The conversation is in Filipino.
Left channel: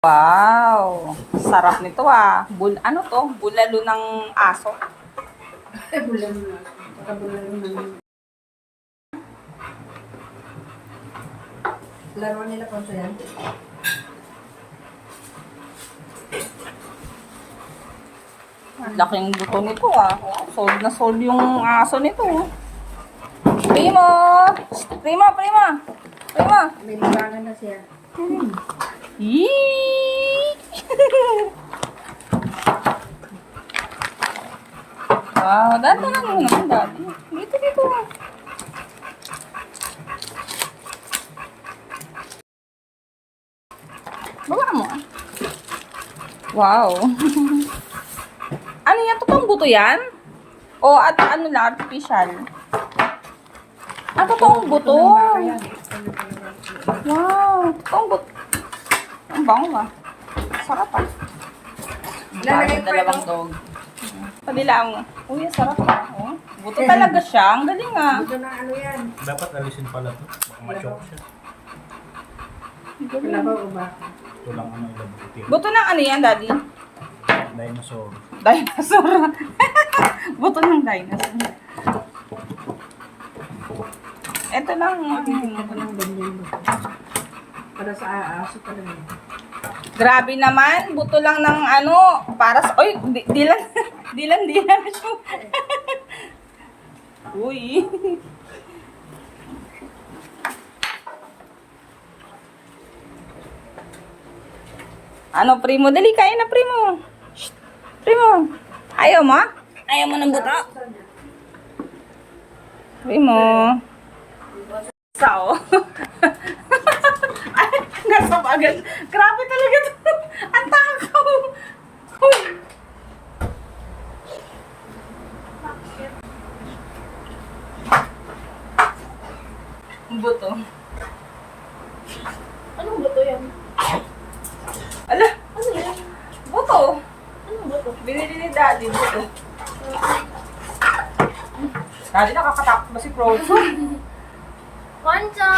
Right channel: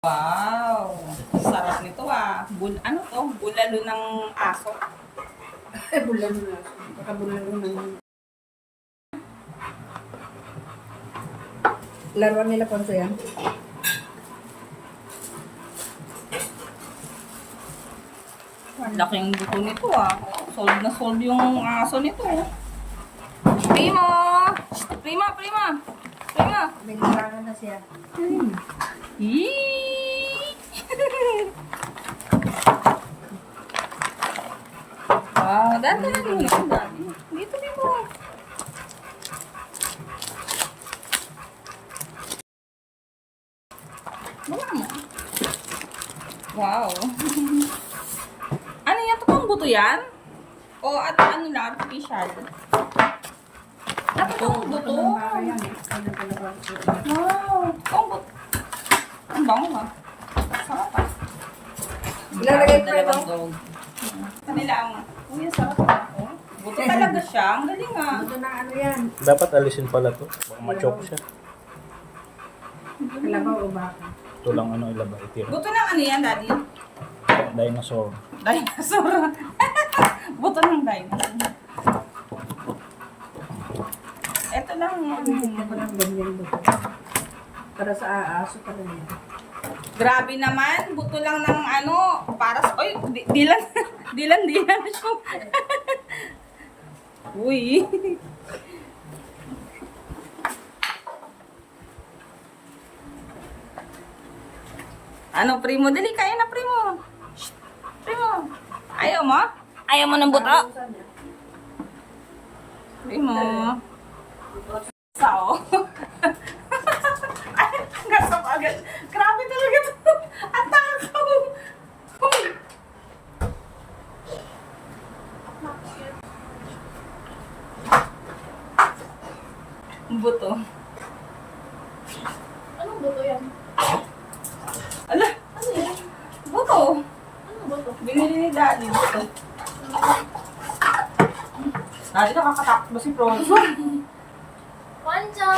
Wow! Sarap nito ah. Ano to? Bulalo ng aso. Laruan nila Ponso yan. Laking buto nito ah. Oh, sold na sold yung aso nito. Primo! Prima! Prima! Prima! May larangan na siya. Yee! Wow, dati lang yun naman dati. Dito, dito. Baba mo ah. Wow. Ano yan? Totoong buto yan? O at ano lang, artificial? Ah, totoong buto. Wow. Totoong buto. Ang bango ah. Sarap ah. Ilalagay ko Dalawang dog. Padilaan mo. Uy, ang sarap ah. Oh, buto talaga siya. Ang galing ah. Ito na ano yan. Dapat alisin pala to. Baka ma-choke siya. Kalabaw o ba? Ito lang ano ilabay. Buto ng ano yan, daddy? Dinosaur. Dinosaur. Buto ng dinosaur. Ito lang. Titignan ko lang ganyan ba? Para sa aso talaga yan. Grabe naman. Buto lang ng ano. Para sa... Uy, dilan. Dilan siya. Uy. Ano, primo? Dali, kain na, primo. Shh, primo. Ayaw mo? Ayaw mo ng buto? Primo. Sao? Ay, nasa bagal. Grabe talaga to. Ang takaw. Uy. Buto. Anong buto yan? Ala, Ano yan? buto. Anong buto? Binili ni Daddy buto. Daddy, nakakatakot ba si Frodo? Concho!